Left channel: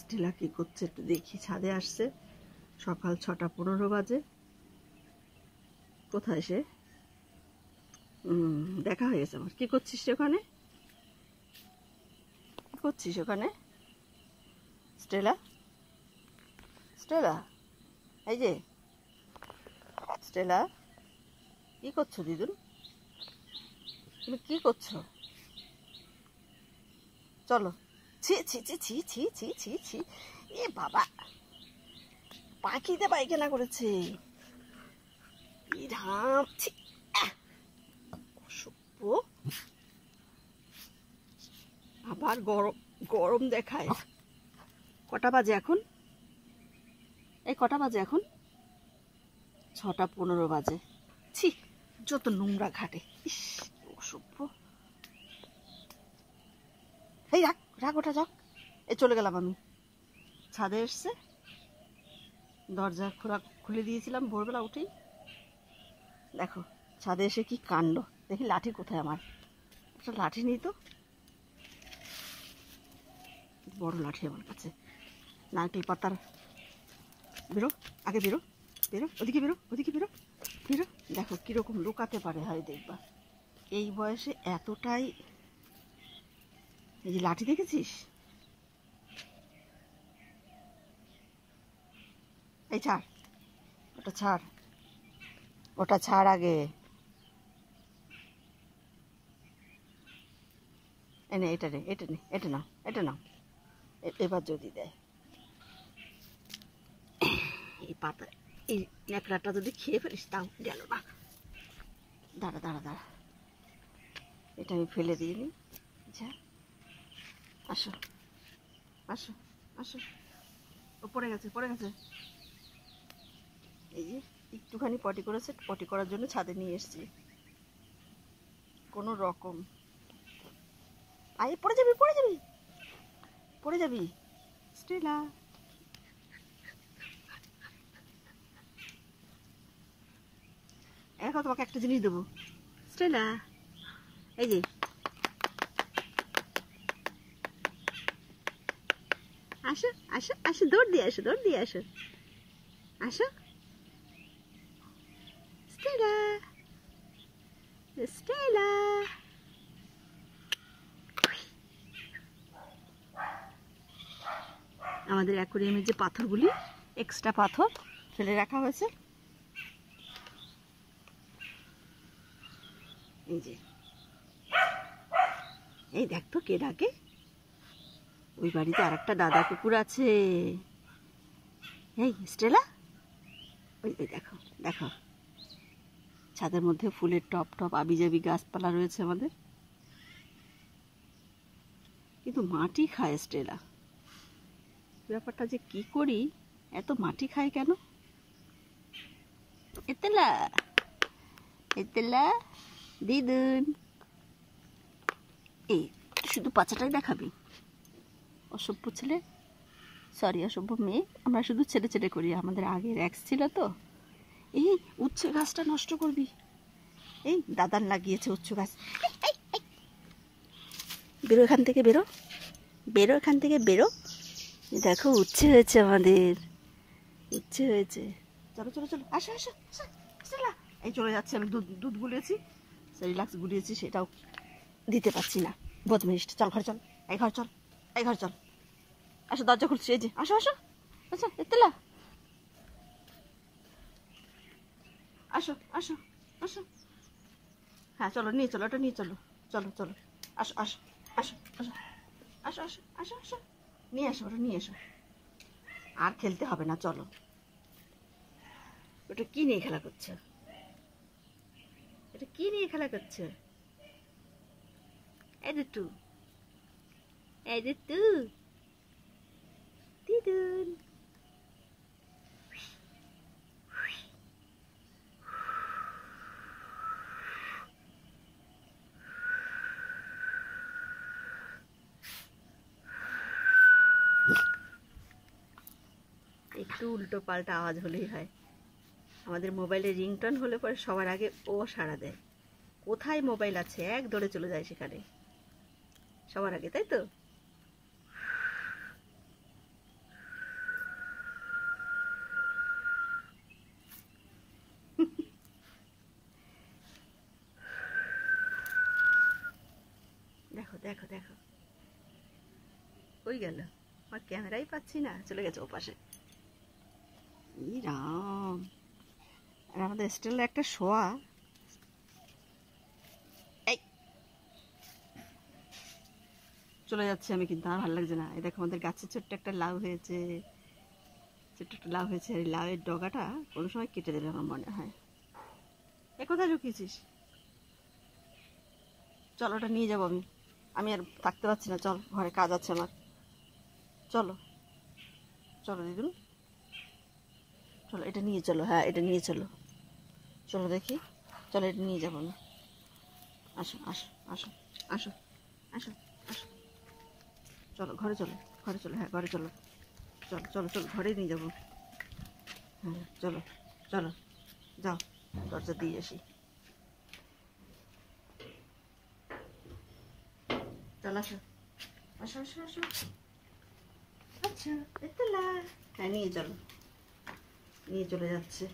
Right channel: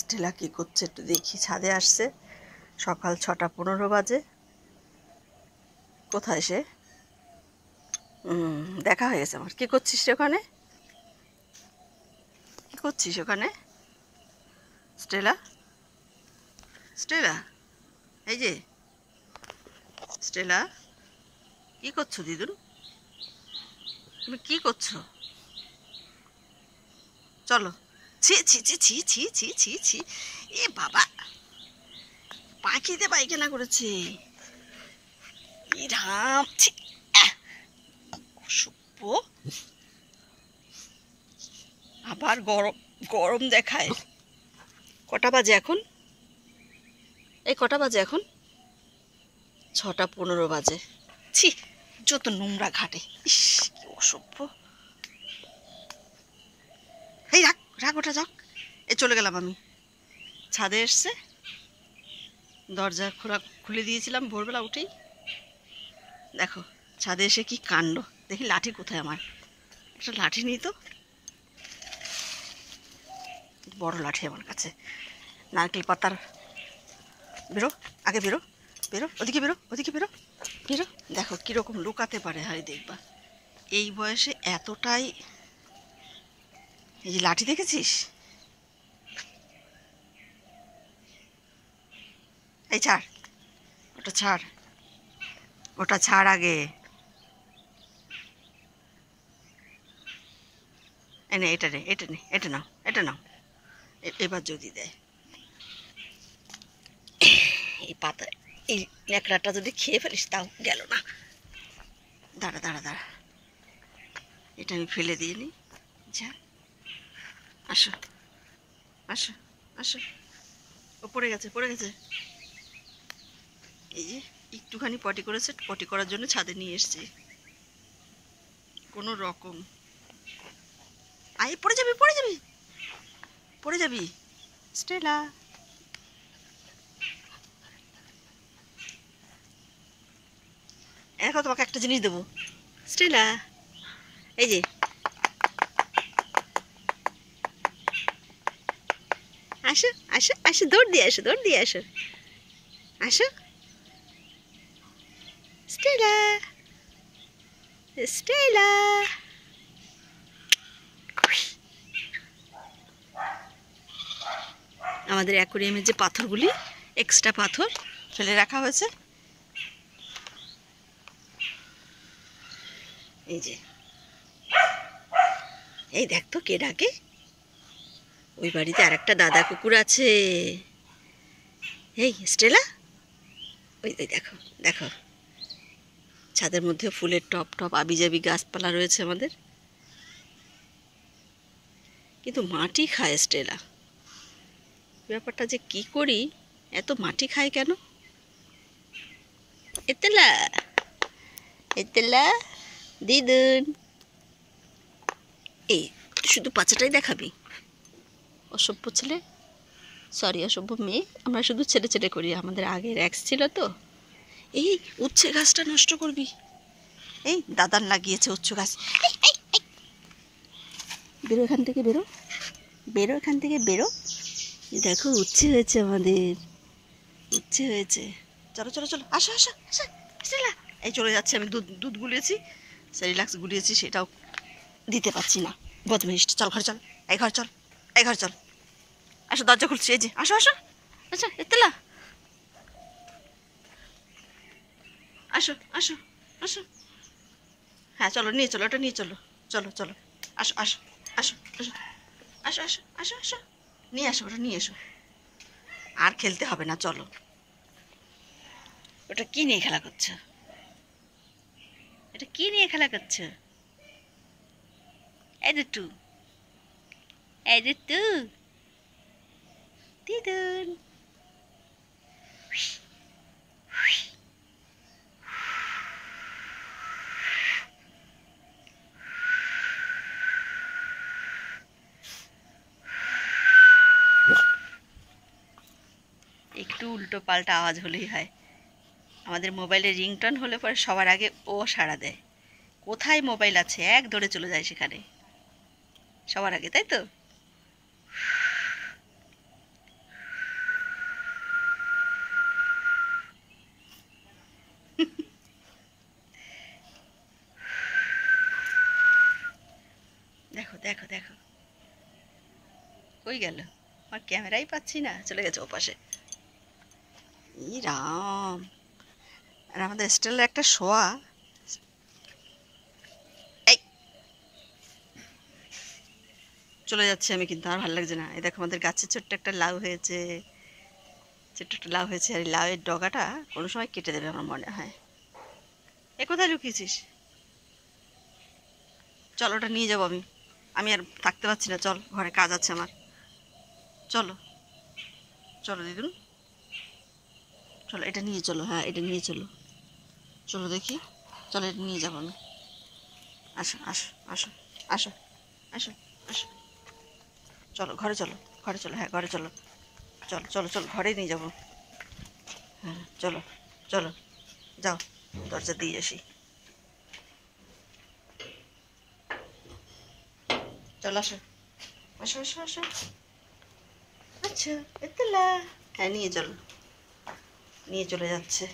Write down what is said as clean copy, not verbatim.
Stella কী করছে একটু দেখি। ছাদে আসছে, সকাল 6:15 বাজে। কোথায় সে? দেখা হয়ে গেছে আমার। কী করছিস ওখানে? কী করছিস ওখানে স্টেলা? স্টেলা, এই যে স্টেলা, কী করছো দিদুন? তুমি কী করছো? চলো। ছি ছি ছি ছি ছি ছি ছি ছি, এ বাবা, পাখিতে পায়খানা করেছে। রাম, ছি, অসভ্য। আবার গরম গরম দেখায়। কটা বাজে এখন? এই কটা বাজে এখন? 6:15 বাজে। ছি, যত নোংরা ঘাটে। ইস, কি অসভ্য। এই রাখ রাখ, ওটা যাক। এই চলে গেলাম আমি। ছাদে এসছে, দরজা খুলে দিয়েছিলাম ভোরবেলা উঠেই। দেখো ছাদে এসে কি কাণ্ড। দেখি লাঠি কোথায় আমার। একটা লাঠি নিই তো, বড় লাঠি আমার কাছে। নারকেল পাতার। বেরো, আগে বেরো, বেরো, ওদিকে বেরো, ওদিকে বেরো, বেরো। দেখো কীরকম লুকাতে পারে, হাই দেখবা। এই বয়সে এতটাই। এই যে লাঠি দেখেছিস? এই ছাড়, ওটা ছাড়, ওটা ছাড় আগে। এনে এটা নে, এটা নে, এটা নাও, এটা নাও। এবার যদি দেয় এই পাতা, এই ন্যাকড়াটা যদি খেয়ে ফেলিস তাও গেল না। দাঁড়া দাঁড়া দাঁড়া, এটা আমি ফেলে দিয়ে নিই। যা, আসো আসো আসো। ও পড়ে গেছে, পড়ে গেছে। এই যে একটুখানি পটি করেছে, পটি করার জন্য ছাদে নিয়ে এসছি কোনো রকম। আয়, পড়ে যাবি, পড়ে যাবি, পড়ে যাবি স্টেলা। এখন তোমাকে একটা জিনিস দেবো স্টেলা। এই যে, আসো আসো আসো, দৌড় দিয়ে আসো, দৌড় দিয়ে আসো, আসো স্টেলা, স্টেলা। আমাদের অ্যাকোরিয়ামের যে পাথরগুলি, এক্সট্রা পাথর ফেলে রাখা হয়েছে। এই যে, এই দেখ তো কে ডাকে। ওই বাড়িতে আর একটা দাদা কুকুর আছে। এই স্টেলা, ওই ওই দেখো দেখো, ছাদের মধ্যে ফুলের টপ টপ আবিজাবি গাছপালা রয়েছে আমাদের, কিন্তু মাটি খায় স্টেলা। ব্যাপারটা যে কি করি, এত মাটি খায় কেন? এতেলা, এতেলা, দিদুন, এই শুধু পাচাটাই দেখাবি? অসভ্য ছেলে, সরি অসভ্য মেয়ে। আমরা শুধু ছেলে ছেলে করি। আমাদের আগের এক্স ছিল তো। এই উচ্ছে গাছটা নষ্ট করবি। এই দাদান লাগিয়েছে উচ্চ গাছ। বেরো এখান থেকে, বেরো, বেরো এখান থেকে, বেরো। দেখো উচ্ছে হয়েছে আমাদের, উচ্ছে হয়েছে। চলো চলো চলো, আসো আসো আসো স্টেলা। এই চলে যাচ্ছে, আমি দুধ দুধ গুলিয়েছি, সেরিলাক্স গুলিয়েছি, সেটাও দিতে পারছি না। বদমাইশ, চল ঘর চল, এই ঘর চল, এই ঘর চল। আসো, দরজা খুলছি, এই যে আসো আসো। আচ্ছা এতেলা, আসো আসো আসো। হ্যাঁ চলো, নিয়ে চলো, ওটা নিয়ে চলো, চলো চলো, আসো আসো আসো আসো আসো আসো আসো আসো, নিয়ে আসো, ওটা নিয়ে এসো। আর খেলতে হবে না, চলো। ওটা কি নিয়ে খেলা করছো? এটা কি নিয়ে খেলা করছো? এই দুটু, এই দুটু, দিদুন। একটু উল্টো পাল্টা আওয়াজ হলেই হয়। আমাদের মোবাইলে রিংটন হলে পরে সবার আগে ও সাড়া দেয়। কোথায় মোবাইল আছে এক দৌড়ে চলে যায় সেখানে সবার আগে, তাই তো? দেখো দেখো কই গেল, আমার ক্যামেরাই পাচ্ছি না, চলে গেছে ও পাশে। ই রাম, আর আমাদের স্টেলা একটা শোয়া। এই চলে যাচ্ছি আমি, কিন্তু আর ভালো লাগছে না। এই দেখো আমাদের গাছে ছোট্ট একটা লাউ হয়েছে, ছোট্ট একটা লাউ হয়েছে, আর এই লাউয়ের ডগাটা কোনো সময় কেটে দেবে আমার মনে হয়। এ কোথায় লুকিয়েছিস? চল ওটা নিয়ে যাবো আমি, আমি আর থাকতে পারছি না, চল ঘরে কাজ আছে আমার। চলো চলো দিদুন, চলো এটা নিয়ে চলো, হ্যাঁ এটা নিয়ে চলো, চলো দেখি, চলো এটা নিয়ে যাবো আমি। আসো আসো আসো আসো আসো আসো, চলো ঘরে চলো, ঘরে চলো, হ্যাঁ ঘরে চলো, চলো চলো চলো ঘরেই নিয়ে যাবো। হ্যাঁ চলো চলো, যাও দরজা দিয়ে আসি। চলো আসো আসো আসো আসো। আচ্ছা এতলা, হ্যাঁ নিয়ে চলো, নিয়ে চলে যাচ্ছে।